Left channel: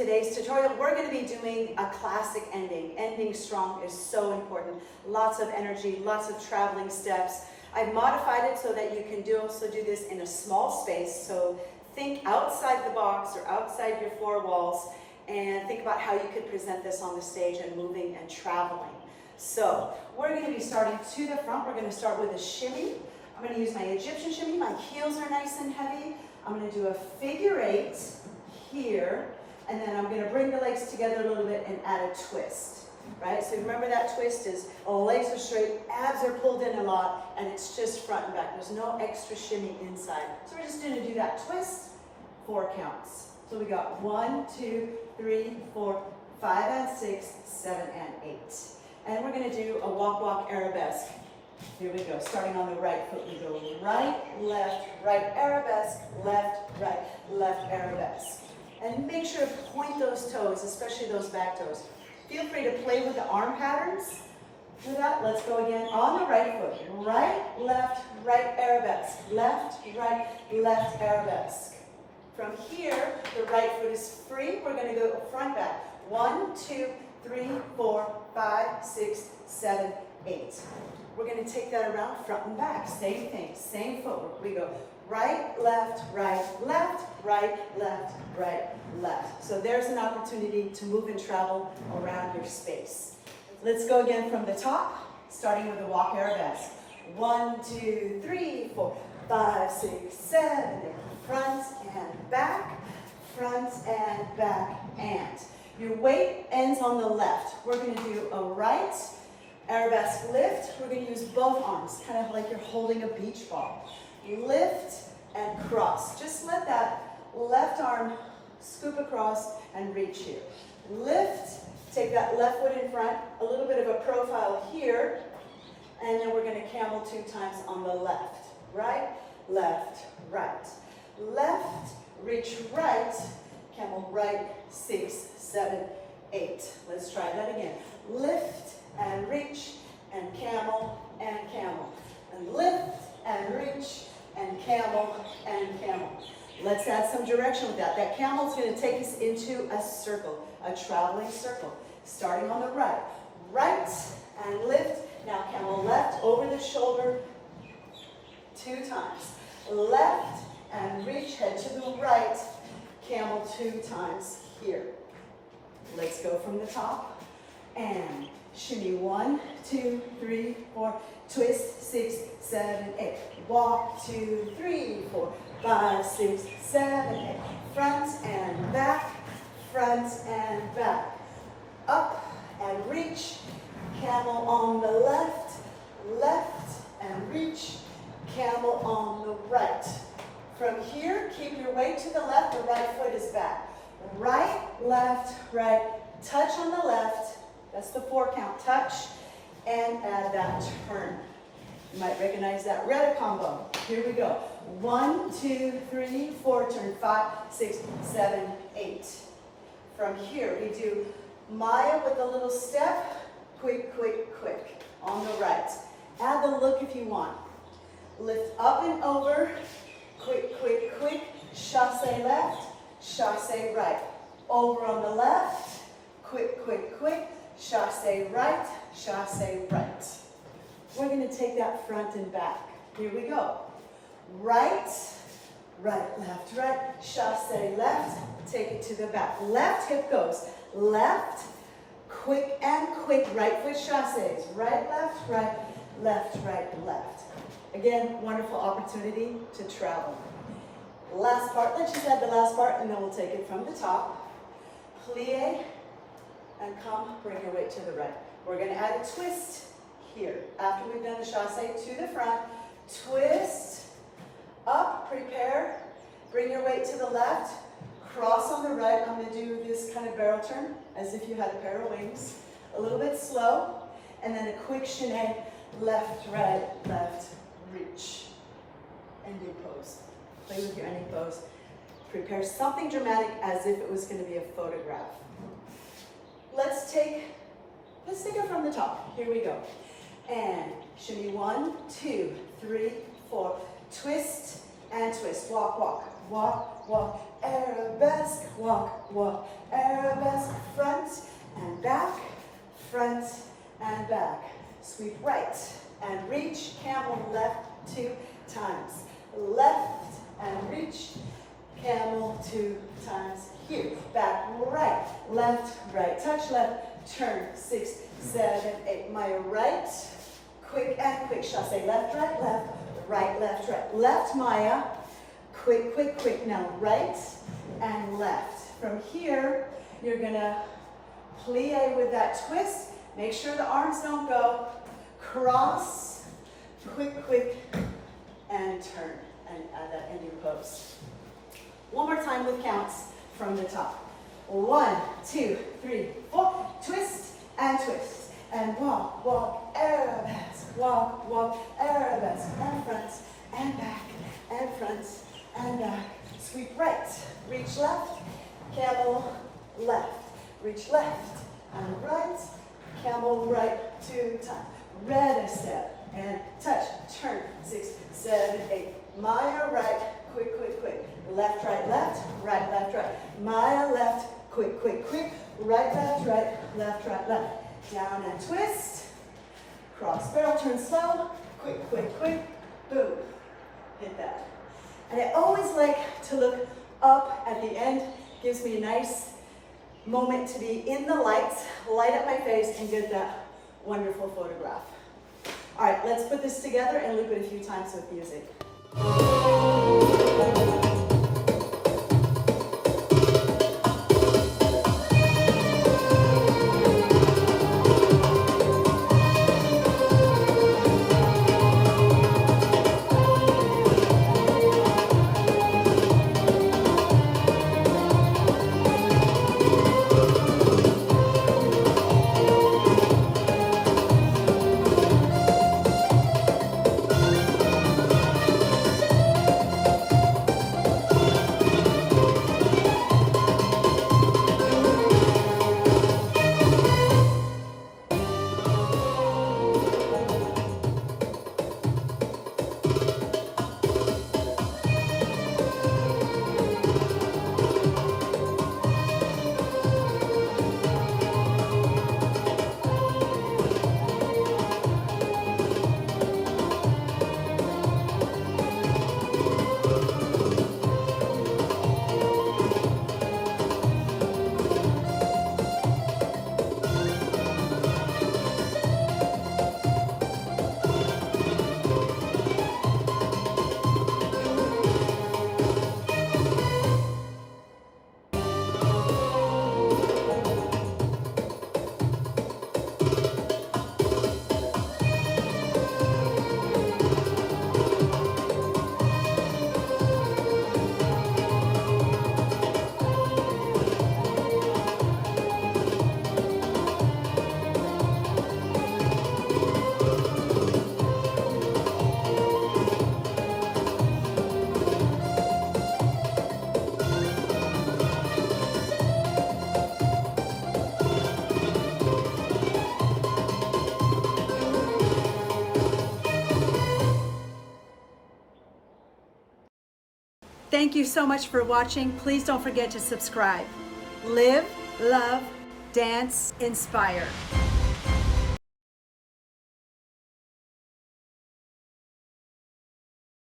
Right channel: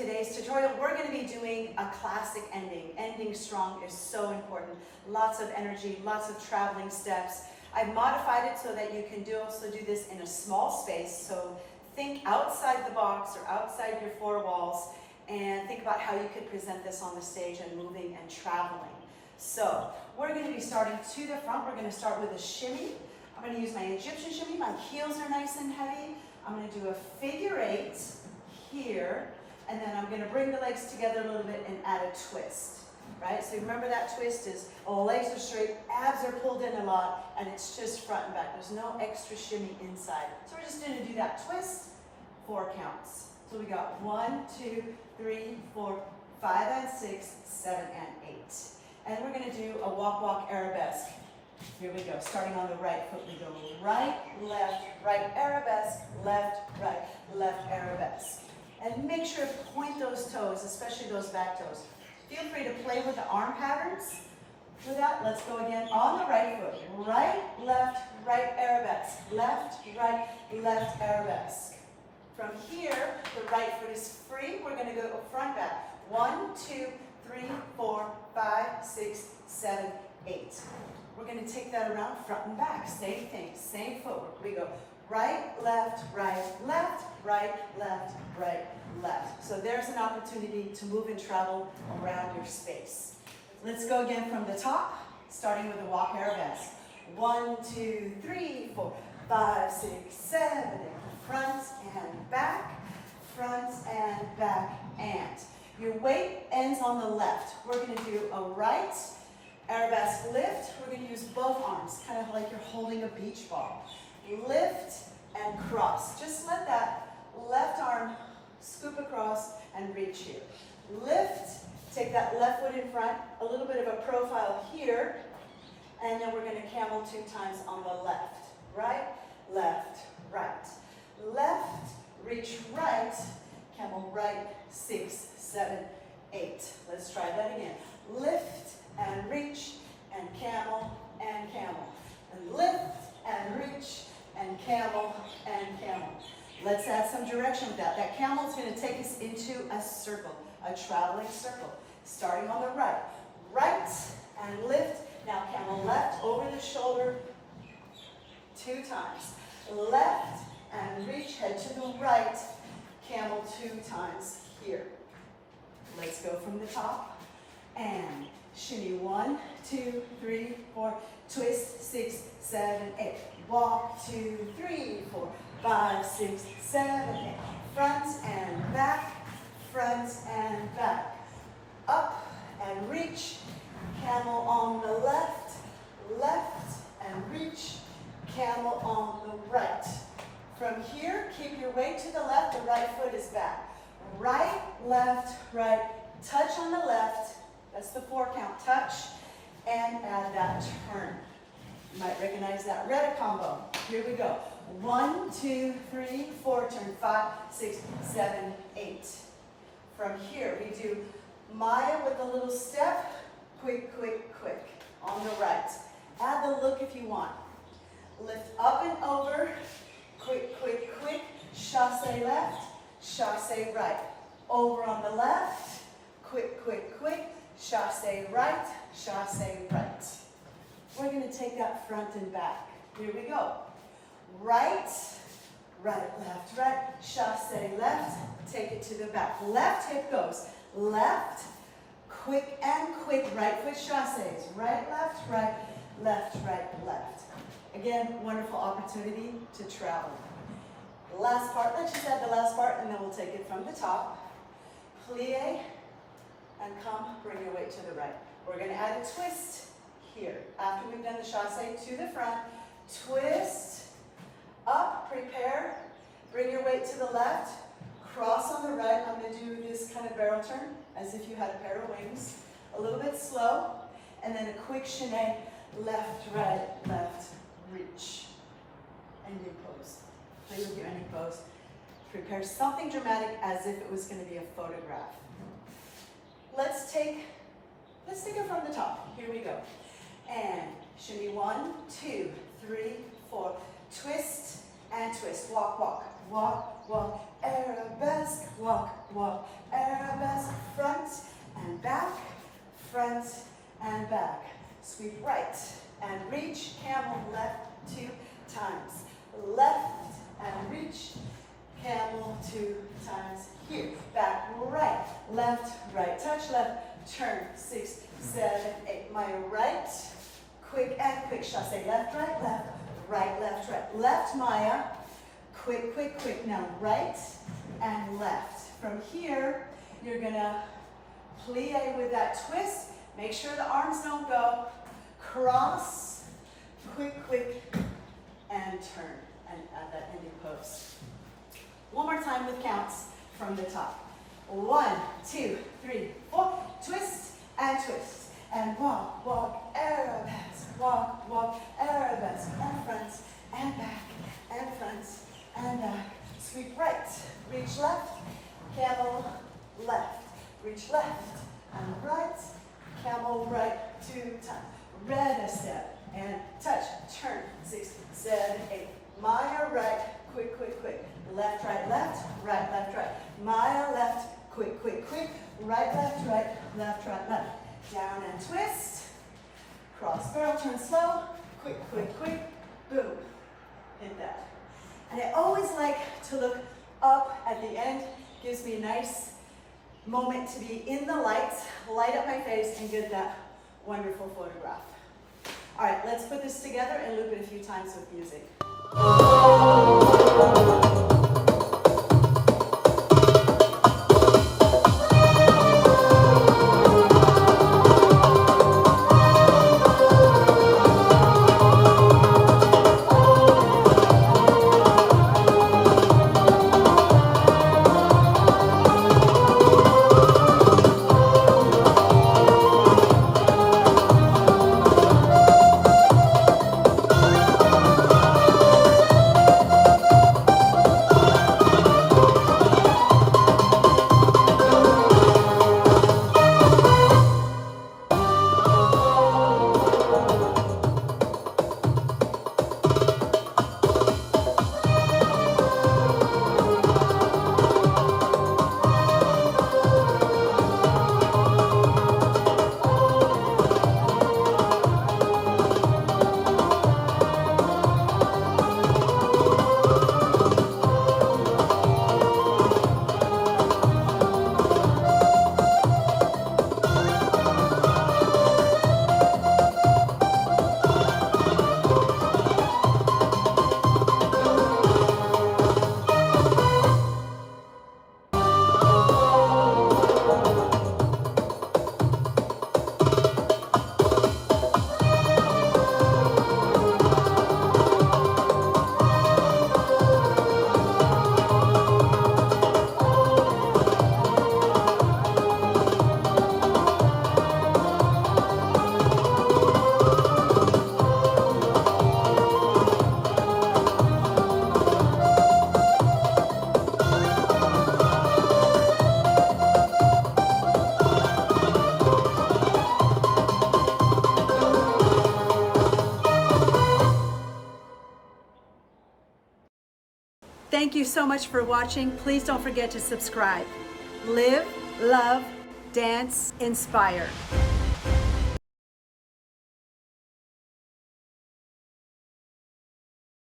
today's tutorial, we're going to be doing a classic ending. Ending strong is so important. Lots of energy, lots of traveling steps. I've modified it so that you can also do this in a small space. So think outside the box or outside your four walls and think about how you could present this on the stage and moving and traveling. So we're going to be starting to the front. We're going to start with a shimmy. I'm going to use my Egyptian shimmy. My heels are nice and heavy. I'm going to do a figure 8 here, and then I'm going to bring the legs together a little bit and add a twist. Right? So remember that twist is legs are straight, abs are pulled in a lot, and it's just front and back. There's no extra shimmy inside. So we're just going to do that twist, 4 counts. So we got 1, 2, 3, 4, 5 and 6, 7 and 8. And we're going to do a walk arabesque. Here we go. Starting on the right foot, we go right, right arabesque, left, arabesque. And make sure to point those toes, especially those back toes. Feel free to play with the arm patterns. For that, let's go again on the right foot. Right, arabesque. Left, arabesque. From here, the right foot is free. We're going to go front, back. 1, 2, 3, 4, 5, 6, 7, 8. We're going to take that around front and back. Same thing, same footwork. We go right, left, right, left. So there's an opportunity to move and travel around your space. Let's go again from the top, starting with a walk arabesque. 1, 2, 3, 4, 5, 6, 7, 8. Front and back, and. Your weight ends on the left. We're going to do a right arabesque lift. We're going to use both arms, kind of like you're holding a beach ball. Lift and cross. Just let that left arm scoop across and reach here. Lift, take that left foot in front, a little bit of a profile here, and then we're going to camel 2 times on the left. Right, left. Left, reach right, camel right, 6, 7, 8. Let's try that again. Lift and reach and camel. And lift and reach and camel. Let's add some direction with that. That camel is going to take us into a circle, a traveling circle. Starting on the right. Right and lift. Now camel left over the shoulder 2 times. Left and reach, head to the right. Camel 2 times here. Let's go from the top. And shimmy 1, 2, 3, 4. Twist 6, 7, 8. Walk 2, 3, 4, 5, 6, 7, 8. Front and back. Up and reach. Camel on the left and reach. Camel on the right. From here, keep your weight to the left. The right foot is back. Right. Touch on the left. That's the 4 count. Touch and add that turn. You might recognize that red combo. Here we go. 1, 2, 3, 4. Turn 5, 6, 7, 8. From here, we do Maya with a little step. Quick. On the right. Add the look if you want. Lift up and over. Quick. Chassé left, chassé right. Over on the left. Quick. Chassé right. We're going to take that front and back. Here we go. Right, left. Chassé left. Take it to the back. Left hip goes. Left, quick. Right foot chassés. Right, left. Again, wonderful opportunity to travel. Last part, let's just add the last part and then we'll take it from the top. Plie and come, bring your weight to the right. We're going to add a twist here. After we've done the chassé to the front, twist, up, prepare, bring your weight to the left, cross on the right. I'm going to do this kind of barrel turn as if you had a pair of wings. A little bit slow, and then a quick chaîné, left, reach. Ending pose. Play with your ending pose. Prepare something dramatic as if it was going to be a photograph. Let's take it from the top. Here we go. And shimmy 1, 2, 3, 4. Twist and twist. Walk. walk, arabesque, walk, walk, arabesque, front and back, front and back. Sweep right and reach, camel left 2 times. Left and reach, camel 2 times here. Back, right, left, right, touch left, turn, 6, 7, 8. My right, quick and quick, chassé, left, right, left, right, left, right. Left, Maya, quick, quick, quick. Now right and left. From here, you're gonna plie with that twist. Make sure the arms don't go. Cross, quick, quick, and turn, and add that ending pose. One more time with counts from the top. 1, 2, 3, 4. Twist and twist. And walk, walk, arabesque. Walk, walk, arabesque. And front, and back, and front, and back. Sweep right, reach left, camel left. Reach left and right, camel right 2 times. Red step and touch, turn, 6, 7, 8. Maya right, quick, quick, quick. Left, right, left, right, left, right. Maya left, quick, quick, quick. Right, left, left, left. Down and twist. Cross barrel, turn slow. Quick, quick, quick. Boom. Hit that. And I always like to look up at the end. Gives me a nice moment to be in the lights, light up my face, and get that wonderful photograph. All right, let's put this together and loop it a few times with music. Thank you so much for watching. Please don't forget to subscribe. Live, love, dance, inspire.